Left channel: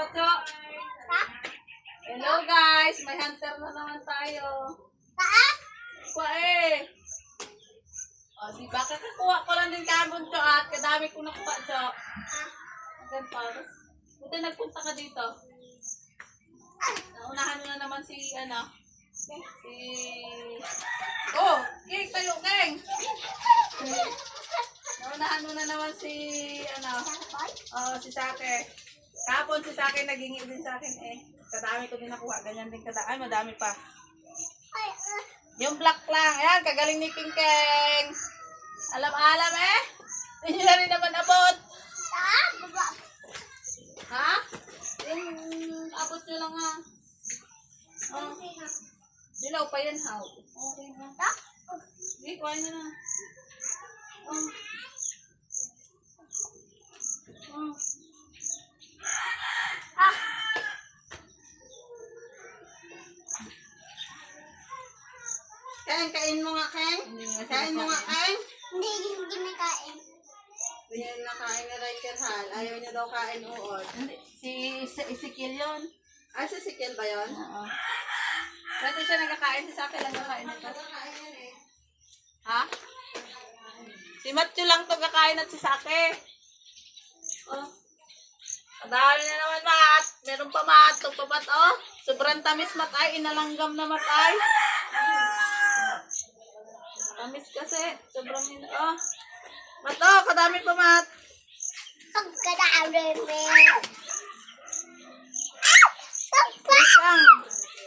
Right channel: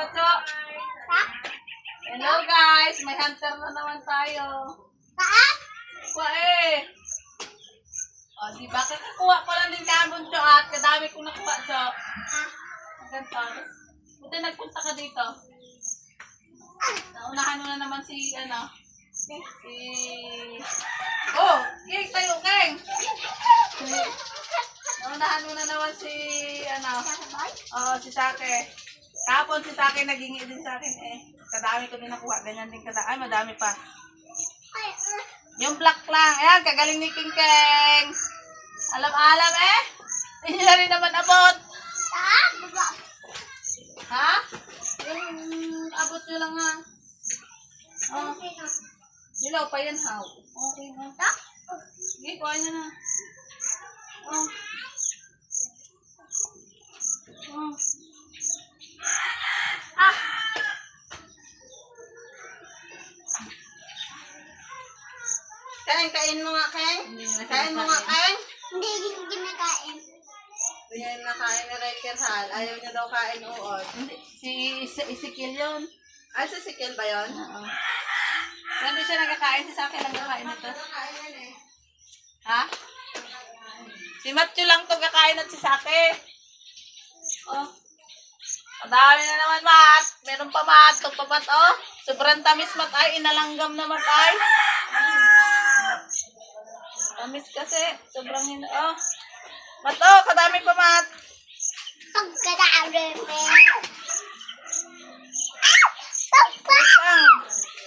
Pacho. Hello guys, may hunter na naman tayo. Kuha eh. O, di ba? Kakakuha ko lang din kamon cho at kadami kong nakuha cho. Ganito. Buti nagpunta ka dito. Naunahan mo na naman si, ano, si... Oh, King, tayo, King! Naunahan mo na naman si, ano, oh, si Sake. Kapon si Sake naging din sa akin eh. Kadami ko din nakuha, ganyan din kada. Ay, madami pa. Yung black lang. Ayan, kagaling ni King Keng. Alam-alam eh. Hindi na rin naman abot. Ha? Yung abot nyo lang ha. Oh, dilaw pa yan ha. Okay na. Sige, kuha na na. Oh. Ah! Kain, kain mo nga, kain. Kain mo nga, kain. Hindi yung ginakain. Yan na kain na Riker Hal. Ayaw niya daw kain uod. Si, si Ezekiel yun. Ay, si Ezekiel ba yun? Oo. Nandun siya nagkakain. Si Saki lang kakain nito. Ha? Si Matthew lang to kakain at si Saki. Oh. Madami na naman, Mat. Meron pa, Mat. Ito pa, Mat, oh. Sobrang tamis, Mat, ay. Inalanggam na, Mat, ay. Tamis kasi. Sobrang hin... Oh. Mat, oh. Kadami pa, Mat. Pagkadaan mo. Isang.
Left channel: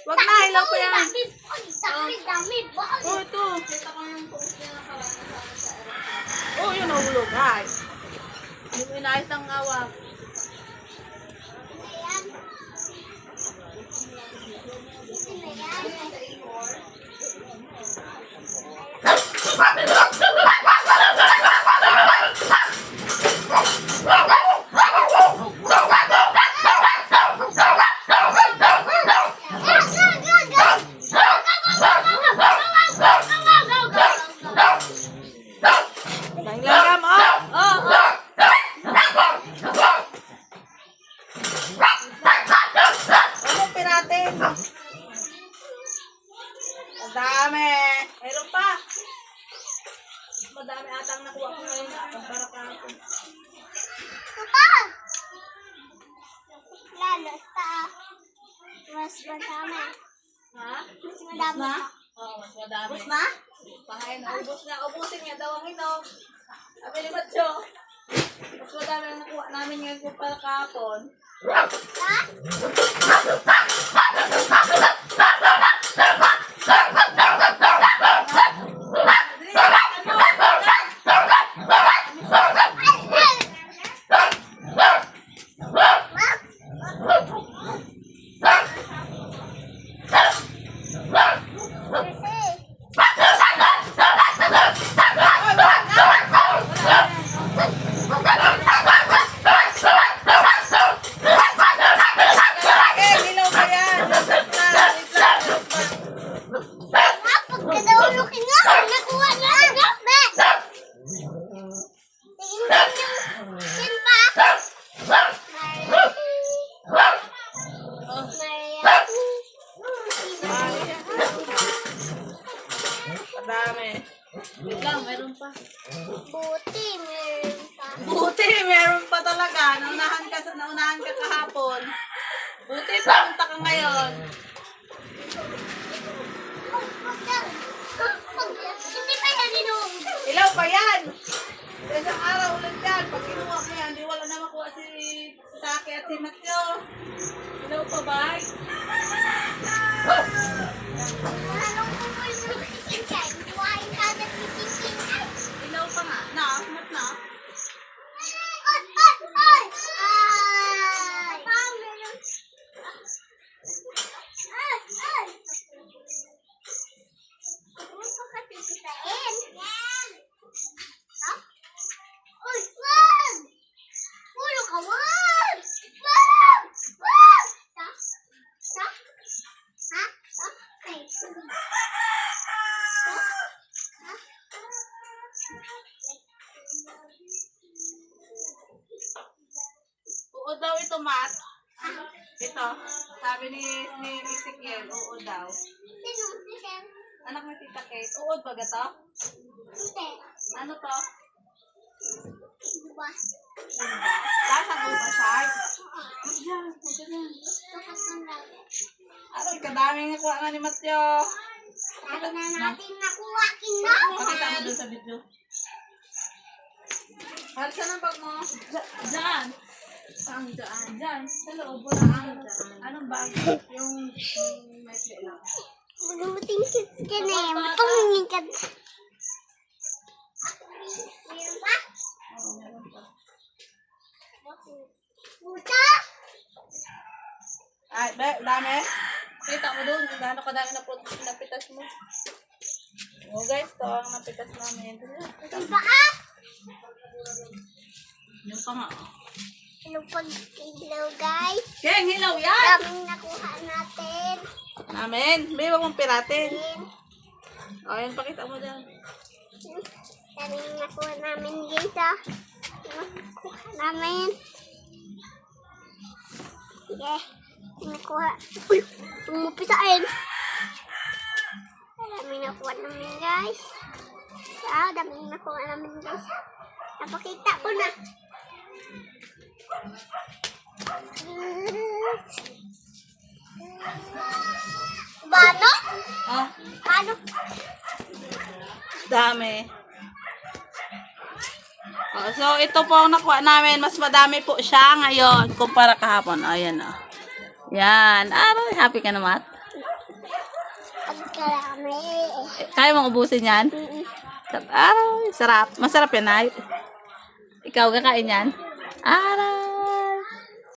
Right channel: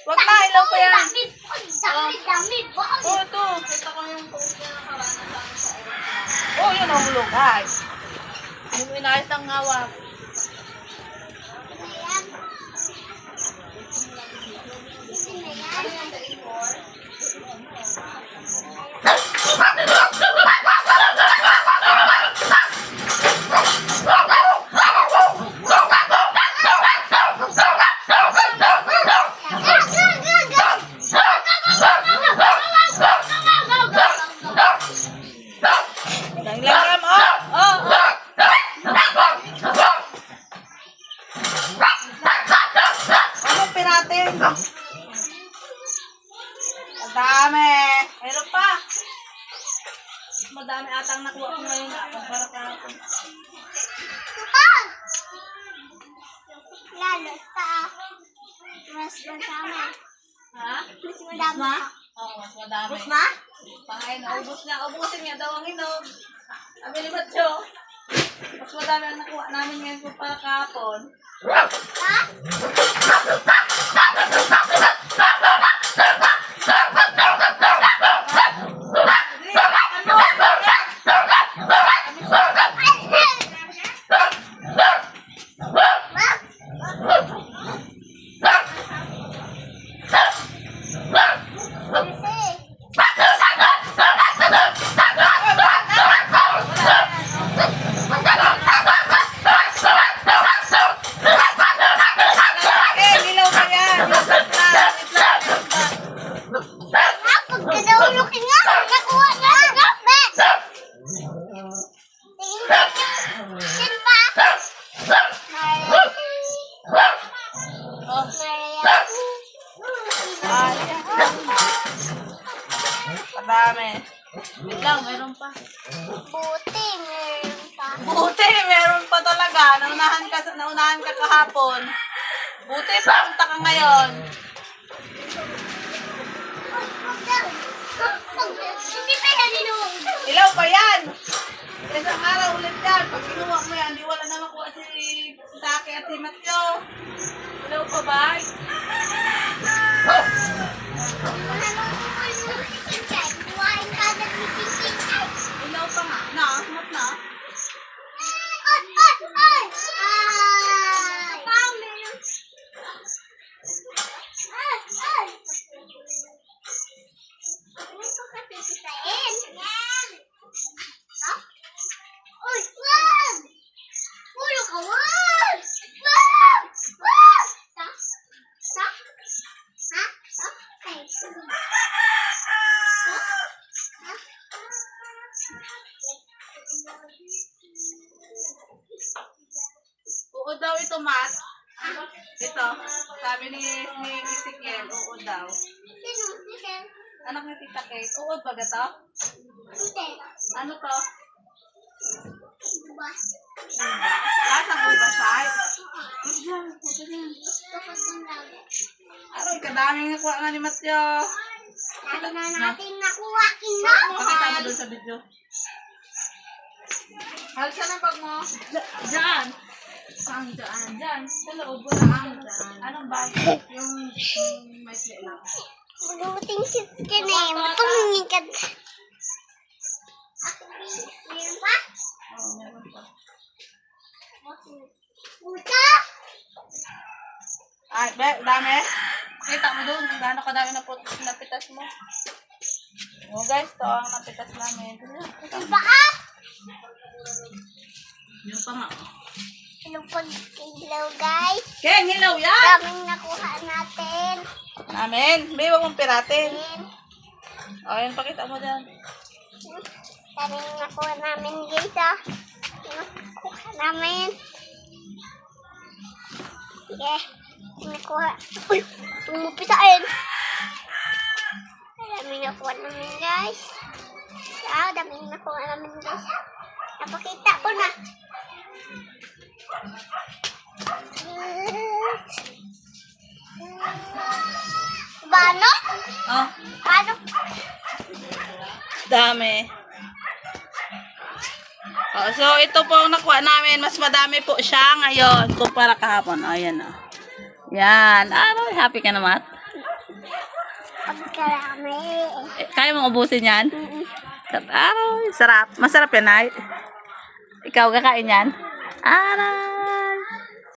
Wag na, ilaw pa yan. Ang dami, damit! Bakit? Oh, ito. Kita ko yung post niya nakaraan. Oh, yun ang hulog, guys. Yung inayos ng ngawag. Langlanggam, oh. Oh. Ano piratin? Ang dami. Mayroon pa. Madami atang nakuha ko ngayon. Kumpara kahapon. Papa! Lalo mas madami. Ha? Mas madami pa. Oo, mas madami. Ubus na? Pangain na. Ubus na. Ubusin niya daw ang inom. Sabi ni Matyo. Mas madami ang nakuha namin ngayon kumpara kahapon. Ha? Madami. Wait lang, meron pa. Buti, meron pa. Buti, meron pa talaga. Naunahan ka, naunahan ka kahapon. Buti, pumunta ka ngayon. Hindi pa yan inuwi. Ilaw pa yan. Isang araw ulit yan. Pag kinuha mo yan, di makuha si Saki at si Matyo. Ilaw pa ba? Anong uwi ng chicken? Buhayin ka na ng chicken. Ilaw pa nga. Na, smooth na. Ay, ay, ay! Ay! Parang meron. Ay, ay! Ano ko kasi sitain? Yan! Ha? Uy, wag! Ulo ka, wag! Wag! Wag! Ha? Ha? Ha? Ha? Ay. Ha? Ha? Oo daw ito, Mat. Ito, sabi ni, ni Ezekiel, oo daw. Anak ni Tita Kate, uod ba ga to? Hindi. Ano to? Diba? Lasang uba siya? Huwag dyan, huwag ka dyan. Gusto ko itong lagi. Aroy, kadaming nakuha nga ni Matyo. Lagi na natin nakuha, kino? Pakita mo doon sa video. Halos saan ang bag mo? Diyan. Saan dyan? Diyan. Sa loob. Wala ang Anong bag? Yung, yung may play lang. Maluting kit ka na eh. Matungin ka. Meron pa? Oo, meron pa. Puta? Ay, be, dami. Kita mo doon gaano kadami na po napitas mo. Oh guys, to ang napitas namin. Diba ah? Yung pa nga. Oh. Po, hello guys. Keng, hilaw yan! Daming nakuha natin. Namin. Be, wag mong piratin. O, yan, pakita mo dyan. Daming nakuha namin guys ah. Nakuha namin. Yeah. Nakuha. Uy! Tumupisain. Daming nakuha namin guys. Ah, daming nakuha namin guys. Napakita ko na. Bano? Oh, Bano? dami. Oh, so, ito po ang nakuha namin. Mas madami po siya ngayon kumpara kahapon. Ayan oh. Yan. Aroy, happy ka naman. Pagkarami. Eh, kaya mong ubusin yan? Mm-mm. Aroy, sarap. Masarap yan, ay. Ikaw kakain yan? Adam.